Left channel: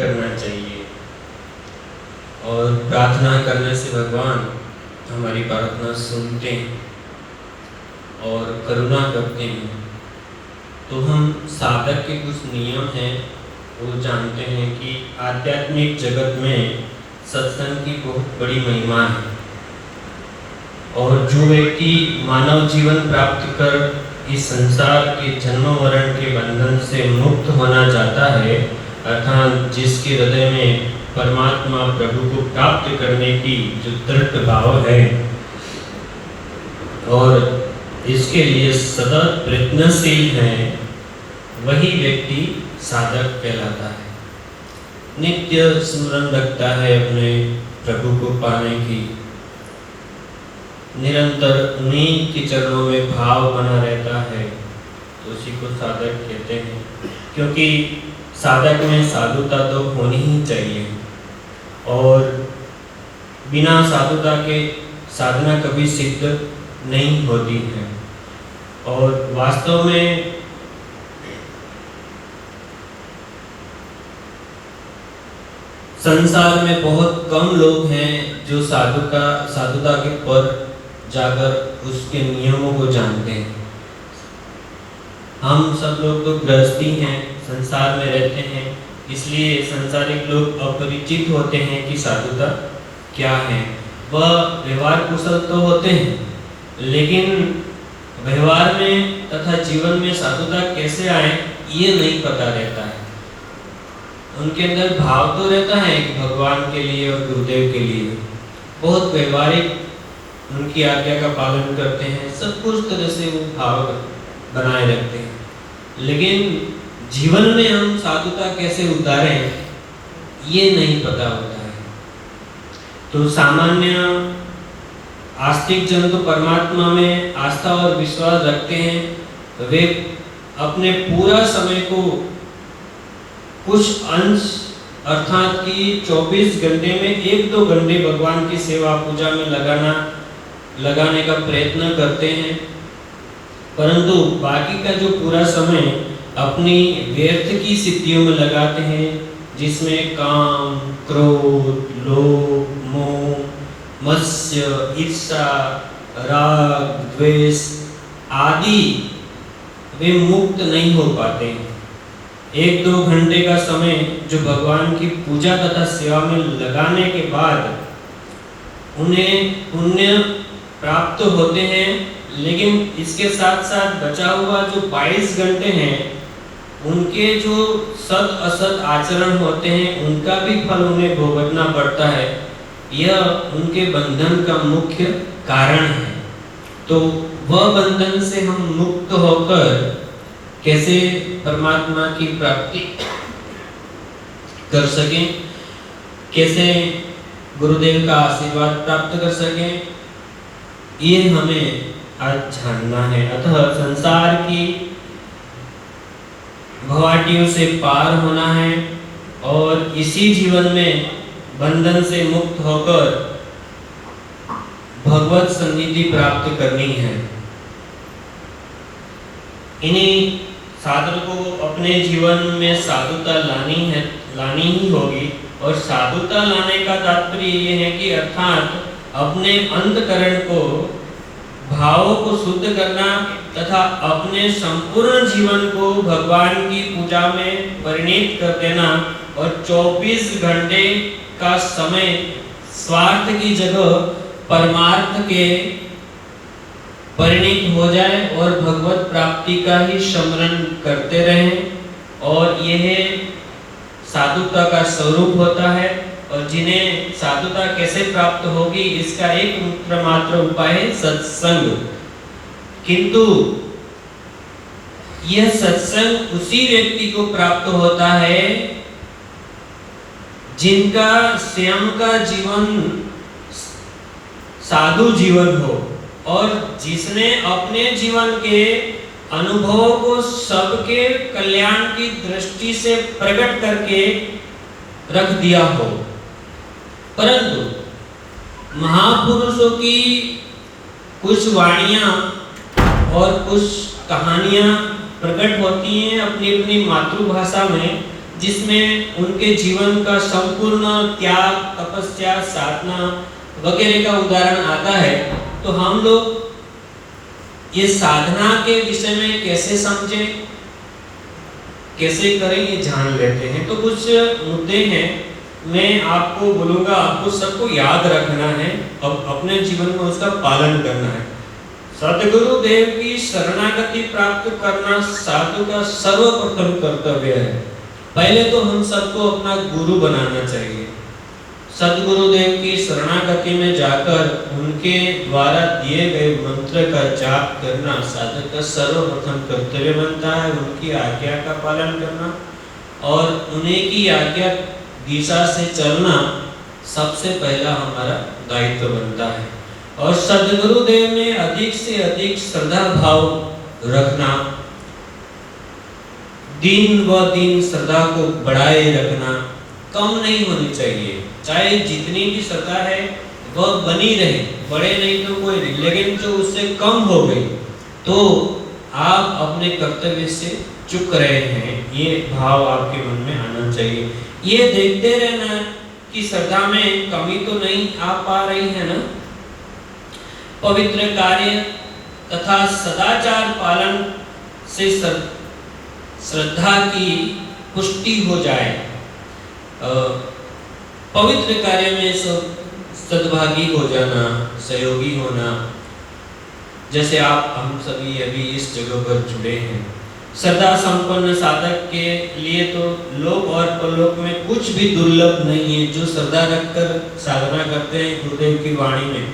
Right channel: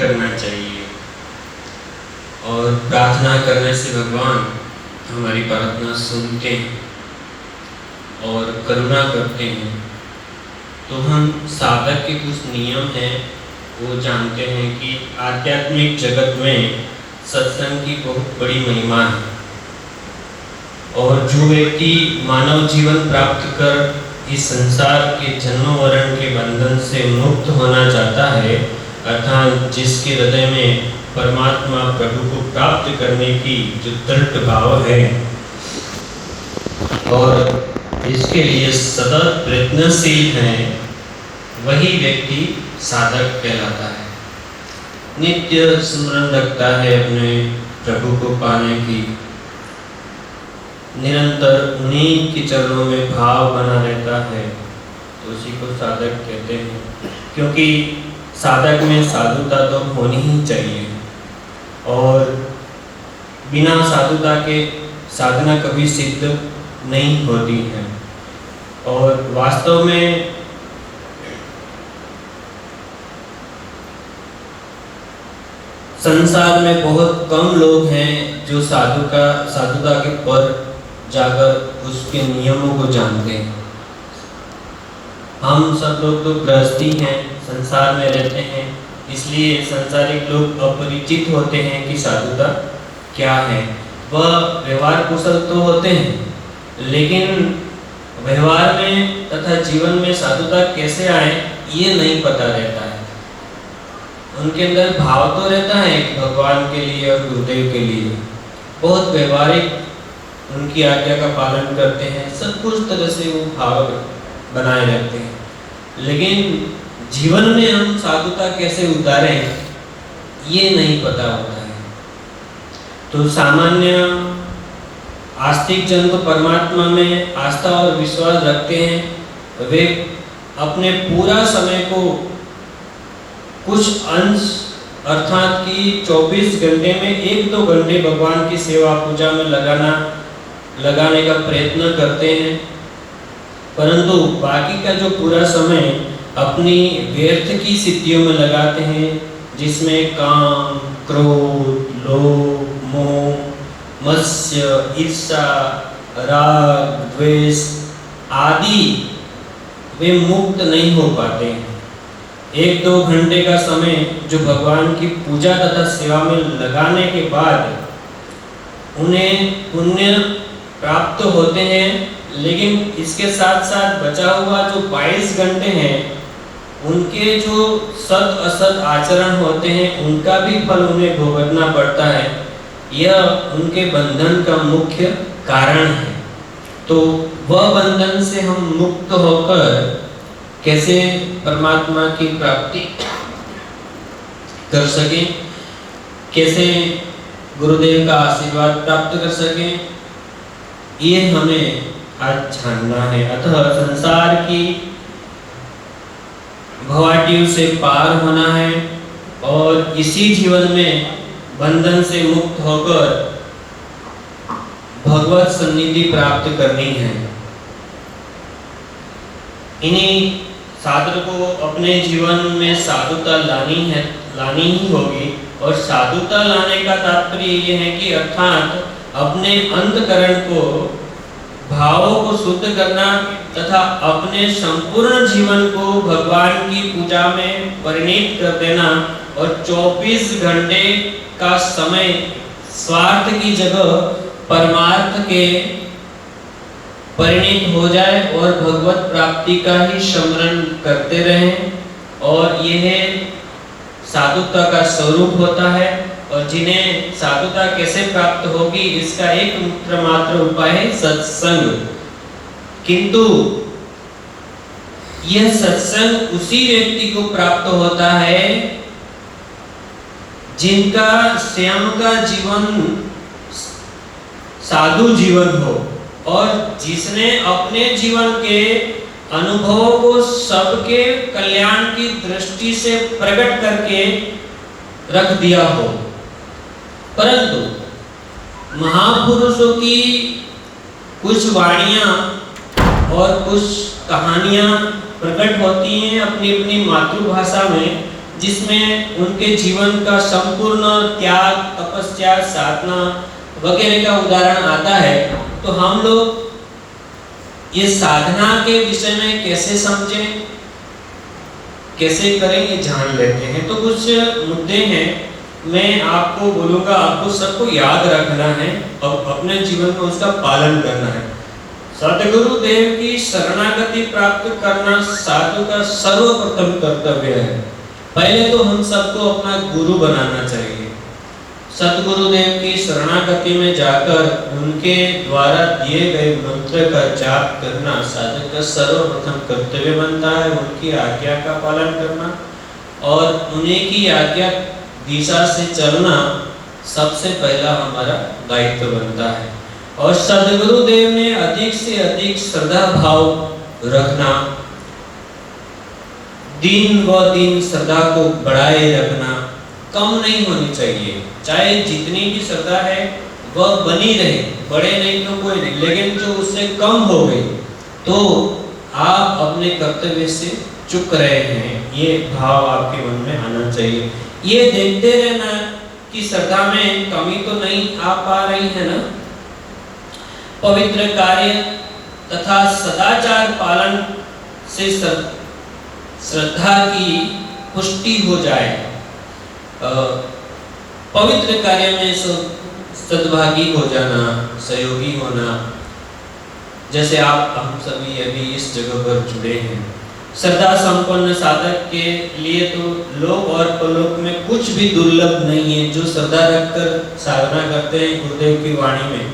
करना चाहिए और प्रार्थना करने से भगवान हमारी प्रार्थना सुनते हैं और करुणा करते हैं। तो हम साधक के कुछ नियम हैं वो जानते हैं कि आध्यात्मिक जगत में सत्संग की बहुत बड़ी महिमा है और जो व्यक्ति मानव जीवन प्राप्त कर इस संसार के जन्म मरण के बंधन से मुक्त होना चाहता है, अर्थात जिसके हृदय में परमात्मा प्रभु को प्राप्त करने की जो दृढ़ भाव है और इसके लिए सदा प्रयत्नशील है, वही व्यक्ति साधक कहलाता है। नित्य स्मरण रखता है अपने प्रभु को पाने की, निरंतर उन्हीं के चरणों में भाव बना रहता है, तो उसी को साधक कहते हैं। क्योंकि साधक में साधुता तो होनी ही चाहिए और बिना साधुता के साधना कभी सिद्ध नहीं होती है। और वास्तव में संसार में बहुत कम लोग हैं जो साधुता के पर जाकर उसके नियमों को जानते हैं। हम सब लोग तो गृहस्थी हैं, संसार में रहते हैं, इसलिए संसारिक लोग अपरिचित होते हैं कि साधुता क्या है। वह व्यवहार कुशल तो होते हैं, लेकिन व्यवहार में तथा जीवन में साधुता कैसे आए ये नहीं पता रहता है। उनके अंदर भाव तो रहता है भगवान के लिए और गुरुदेव के लिए, बहुत व्यवहारिक उनकी आज्ञा का पालन करते हैं, सब कुछ तरह से वो भाव बनाए रहते हैं, लेकिन जीवन में हम साधुता कैसे उतारें ये नहीं पता होता है। तो सामान्य आस्तिक जन तो परमात्मा में आस्था और विश्वास रखते हैं, वे अपने पूरा समय को कुछ अंश अर्थात कि 24 घंटे में 1-2 घंटे भगवान की सेवा पूजा में लगाने का प्रयत्न करते हैं, परंतु बाकी का जो पूरा समय अपनी व्यर्थ की सिद्धियों में लगाते हैं, जिसमें काम, क्रोध, लोभ, मोह, मत्स्य, ईर्षा, राग, द्वेष आदि वे मुक्त नहीं हो पाते हैं। 1-2 घंटे का समय जो भगवान की पूजा तथा सेवा में लगाने के बाद उन्हें पुण्य प्राप्त होते हैं, लेकिन इसके साथ साथ बचा हुआ जो 22 घंटे हैं उनके जो सत असत आचरण होते हैं उनका भी फल उन्हें भुगतना पड़ता है। यह उनके बंधन का मुख्य कारण है। तो वह बंधन से हम मुक्त होकर कैसे परमात्मा की प्राप्ति कर सकें, कैसे गुरुदेव का आशीर्वाद प्राप्त कर सकें, ये हमें आज जानना है। अतः संसार की भवाटियों से पार होना है और इसी जीवन में बंधन से मुक्त होकर भगवत सन्निधि प्राप्त करनी है। इन्हीं साधक को अपने जीवन में साधुता लानी ही होगी। और साधुता लाने का तात्पर्य ये है कि अर्थात अपने अंतकरण को, भावों को शुद्ध करना तथा अपने संपूर्ण जीवन को भगवान की पूजा में परिणित कर देना और 24 घंटे का समय स्वार्थ की जगह परमार्थ के परिणित हो जाए और भगवत प्राप्ति का ही स्मरण करते रहें। और यह साधुता का स्वरूप होता है। और जिन्हें साधुता कैसे प्राप्त होगी इसका एकमात्र उपाय है सत्संग। किंतु यह सत्संग उसी व्यक्ति को प्राप्त होता है जिनका स्वयं का जीवन साधु जीवन हो और जिसने अपने जीवन के अनुभवों को सबके कल्याण की दृष्टि से प्रकट करके रख दिया हो। परंतु महापुरुषों की कुछ वाणियां और कुछ कहानियां प्रकट होती हैं अपनी अपनी मातृभाषा में, जिसमें उनके जीवन का संपूर्ण त्याग, तपस्या, साधना वगैरह का उदाहरण आता है, तो हम लोग ये साधना के विषय में कैसे समझें, कैसे करें, ये जान लेते हैं। तो कुछ मुद्दे हैं, मैं आपको बोलूंगा, आपको सबको याद रखना है और अपने जीवन में उसका पालन करना है। सतगुरु देव की शरणागति प्राप्त करना साधु का सर्वप्रथम कर्तव्य है। पहले तो हम सबको अपना गुरु बनाना चाहिए। सतगुरुदेव की शरणागति में जाकर उनके द्वारा दिए गए मंत्र का जाप करना साधक का सर्वप्रथम कर्तव्य बनता है। उनकी आज्ञा का पालन करना और उन्हीं की आज्ञा दिशा से चलना सबसे पहला हमारा दायित्व बनता है। और सदगुरुदेव में अधिक से अधिक श्रद्धा भाव रखना, दिन व दिन श्रद्धा को बढ़ाए रखना, कम नहीं होनी चाहिए। चाहे जितनी भी श्रद्धा है वह बनी रहे, बड़े नहीं तो कोई नहीं, लेकिन जो उससे कम हो गई तो आप अपने कर्तव्य से चूक रहे हैं, ये भाव आपके मन में आना चाहिए। ये देखते रहना कि श्रद्धा में कमी तो नहीं आ पा रही है ना। पवित्र कार्य तथा सदाचार पालन से श्रद्धा की पुष्टि हो जाए। पवित्र कार्य में सद्भागी हो जाना, सहयोगी होना, जैसे आप हम सभी अभी इस जगह पर जुड़े हैं। श्रद्धा संपन्न साधक के लिए तो लोक और परलोक में कुछ भी दुर्लभ नहीं है। जो श्रद्धा रखकर साधना करते हैं गुरुदेव की वाणी में,